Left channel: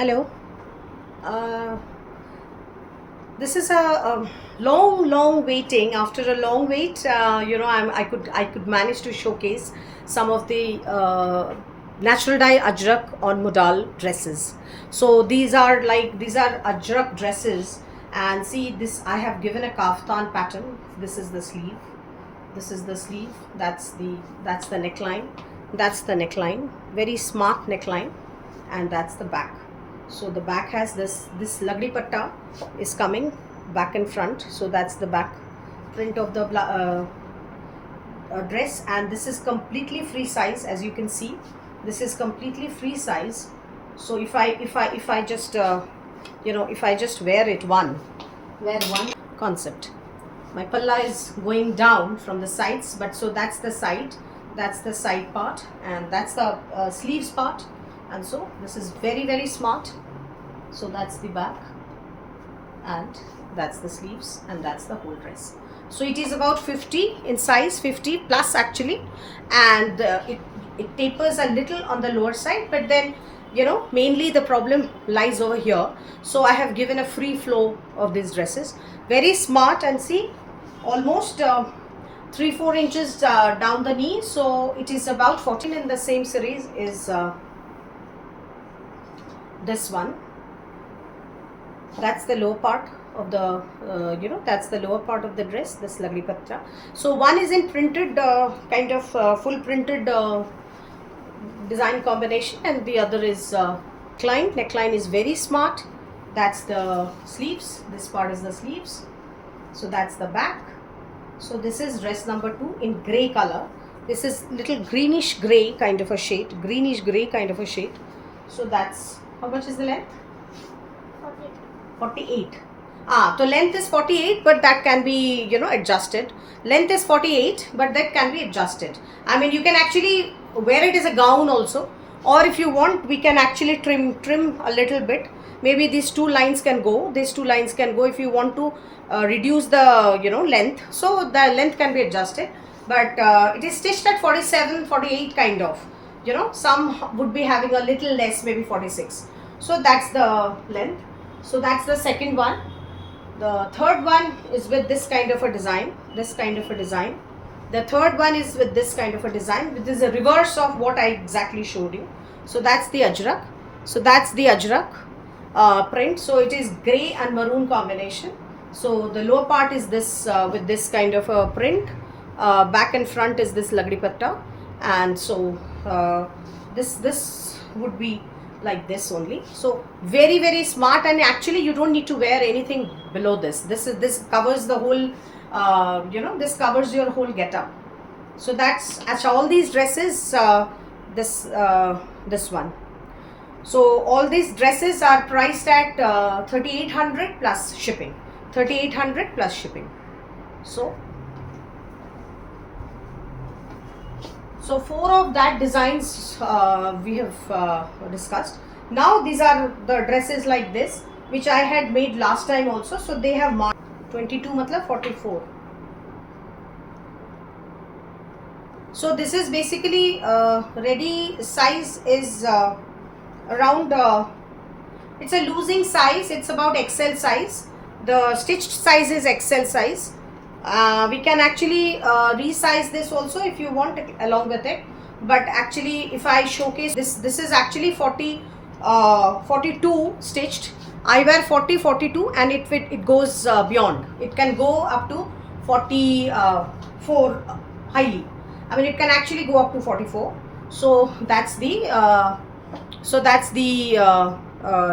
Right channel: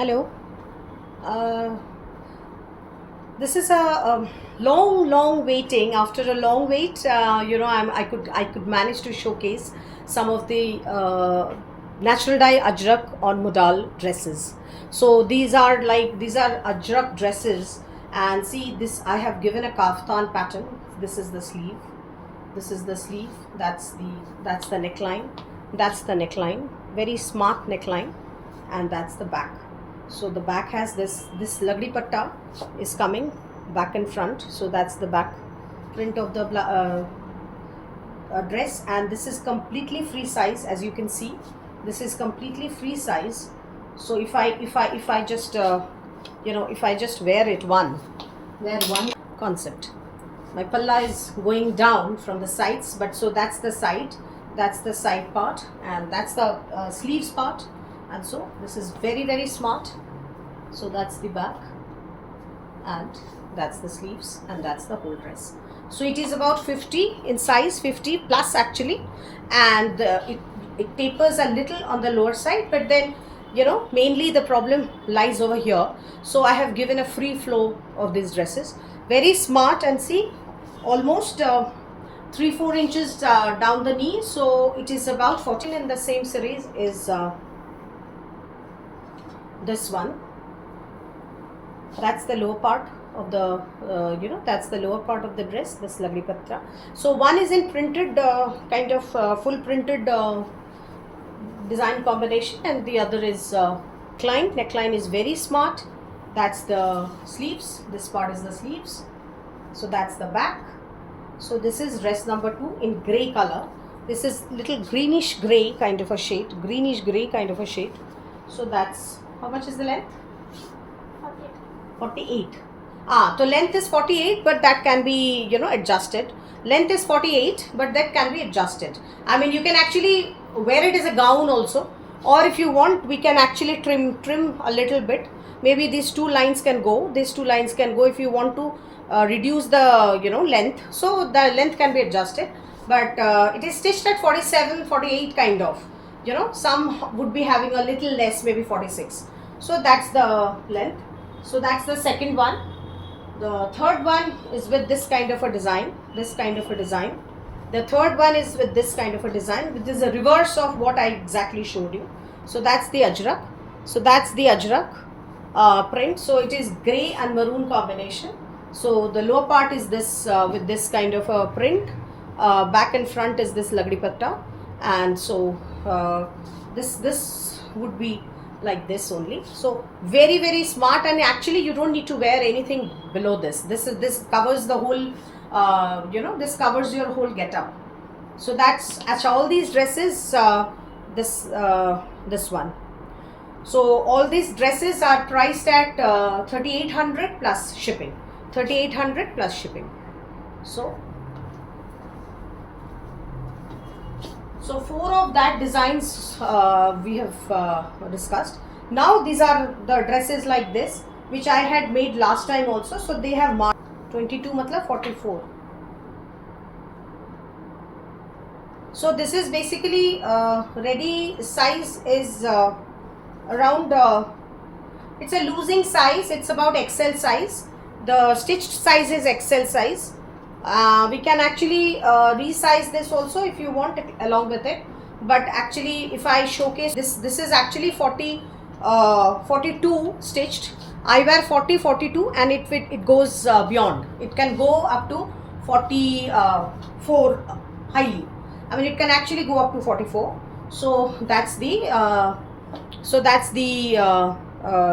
Hello. Uh, this is a long waiting. After a long wait, I could manage to showcase some of the natural dye ajrak on modal dresses. So these are ajrak dresses, and see this. I have given a kaftan pattern. This is the sleeve. This is the sleeve. That's the neckline. That's the neckline. Very smart neckline, and that's the back. So the back has this lagdi patta is coming back and front. So that's the back print of the dress, and this is completely free size. As you can see, this is completely free size. So if I just if I just wear one concept, my palla is going down from the sides, but so that's the side part, and that's the sleeves part. And so this is very smart. So that's the back, and that's the sleeves, and that's the whole dress. So it is about 50 in size, 50 plus actually, and it tapers a little on the lower side, but then mainly the problem lies over here. So I have given a free flow of these dresses, very smart. And see, almost 3-4 inches down the knee. So it is about 14. In the same series is this one. That's the lower part of the that's the lower part of the dress, this lagdi patta. So one is in printed kind of full printed design combination, and the other is neckline is very smart. That's the sleeves. This part is the sleeves. So that's the back. So this is dress number 2 in gray color. This is little greenish gray kind of a shade, So that's, how much is the length? 48. So length is 48, but that can be adjusted. Length is 48, but that can be adjusted. I mean, you can actually wear it as a gown also, or if you want, we can actually trim a little bit. Maybe these two lines can go. If you want to reduce the length, so the length can be adjusted. But it is stitched at 47, 48 kind of. Some would be having a little less, maybe 46. So that's the length. So that's the second one. The third one is with this kind of a design. The third one is with this kind of a design, which is a reverse of what I exactly showed you. So that's the ajrak. Print. So it is gray and maroon combination. So the lower part is this with this kind of a print. Back and front is this lagdi patta, and so this would be like this only. So very smart, and actually you don't need to wear anything below this. This covers the whole this covers your whole getup. So that's as all these dresses, this one. So all these dresses are priced at 3,800 plus shipping. 3,800 plus shipping. So 4 of that designs we have discussed. Now these are the dresses like this, which I had made last time also. So they have marked 22 matlab 44. So this is basically ready size is around it's a losing size. It's about XL size. The stitched size is XL size. We can actually resize this also if you want along with it, but actually if I showcase this is actually 42 stitched. I wear 42, and it goes beyond. It can go up to 44 highly. I mean, it can actually go up to 44. So that's the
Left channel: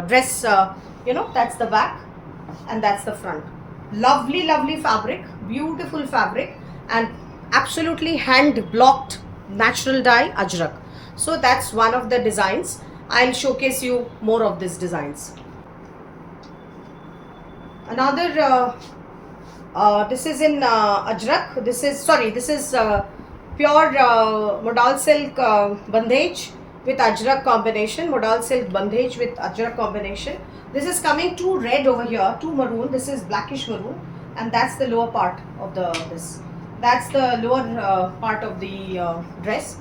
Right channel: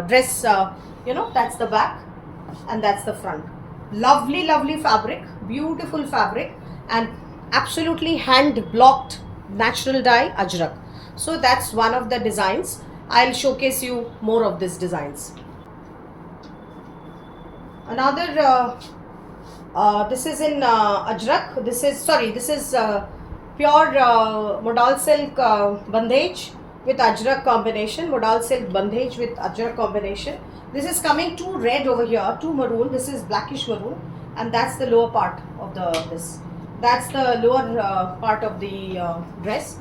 dress. That's the back, and that's the front. Lovely fabric, beautiful fabric, and absolutely hand blocked natural dye ajrak. So that's one of the designs. I'll showcase you more of these designs. Another this is in ajrak. This is pure modal silk bandhej with ajrak combination. This is coming to red over here, to maroon. This is blackish maroon, and that's the lower part of this. That's the lower part of the dress.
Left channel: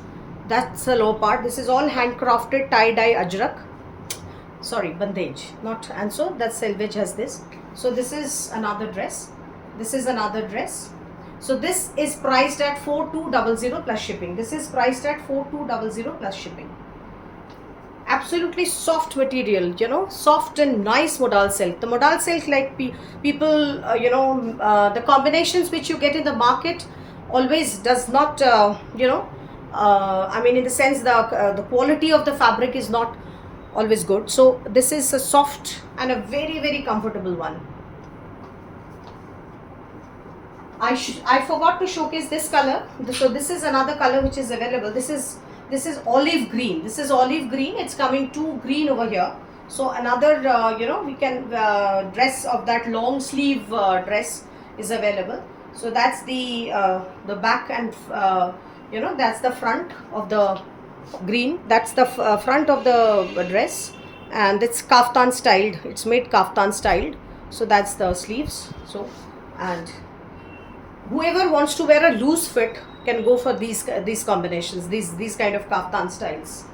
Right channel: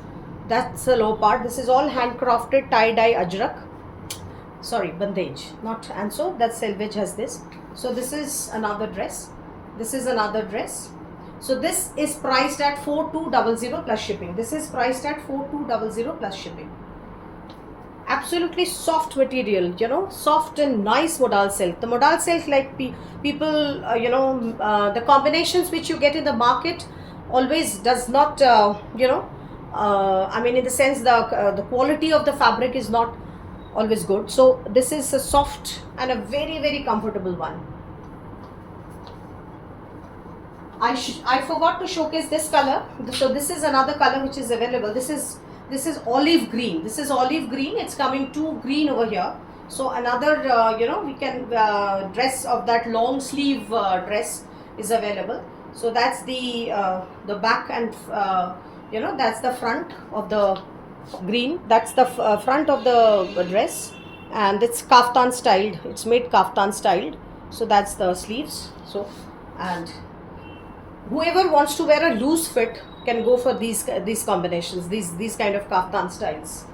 That's the lower part. This is all handcrafted tie-dye ajrak. sorry, bandage, not, and so that selvage has this. So this is another dress. This is another dress. So this is priced at 4200 plus shipping. This is priced at 4200 plus shipping. Absolutely soft material, you know, soft and nice modal silk. The modal silk, like people, the combinations which you get in the market always does not, I mean, in the sense the quality of the fabric is not always good. So this is a soft and a very, very comfortable one. I forgot to showcase this color. So this is another color which is available. This is olive green. This is olive green. It's coming to green over here. So another, we can dress of that long sleeve dress is available. So that's the back, and that's the front of the green. That's the front of the dress, and it's kaftan styled. It's made kaftan styled. So that's the sleeves. So, and whoever wants to wear a loose fit can go for these combinations, these kind of kaftan styles.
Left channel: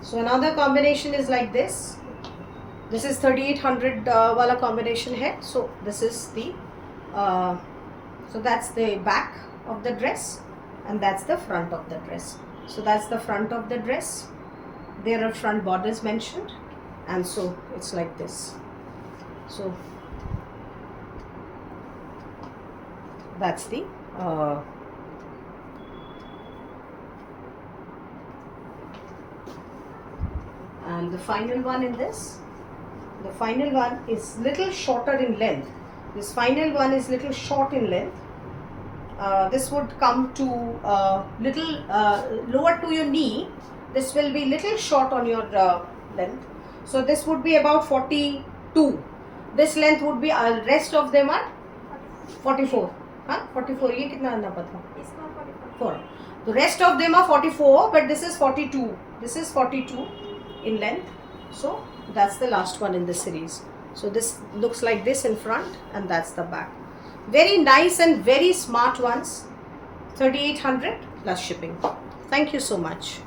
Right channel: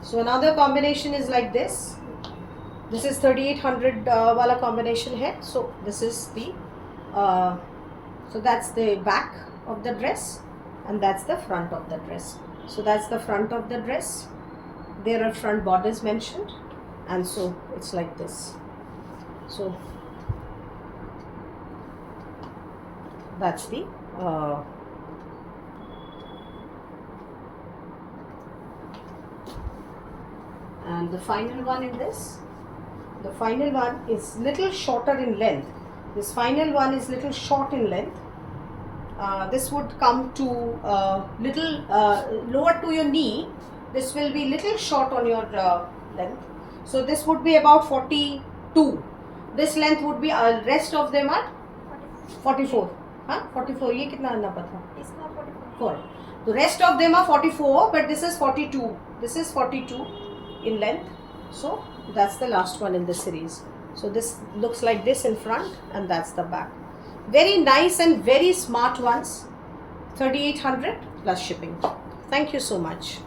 So another combination is like this. This is 3800 wala combination hai. So this is the so that's the back of the dress, and that's the front of the dress. So that's the front of the dress. There are front borders mentioned, and so it's like this. So that's the and the final one in this. The final one is little shorter in length. This final one is little short in length. This would come to little lower to your knee. This will be little short on your length. So this would be about 42. This length would be, rest of them are 44. Huh? 44. ये कितना आना पता? इसका 44. The rest of them are 44, but this is 42. This is 42 in length. So that's the last one in the series. So this looks like this in front, and that's the back. Very nice and very smart ones. 3800 plus shipping. Thank you so much.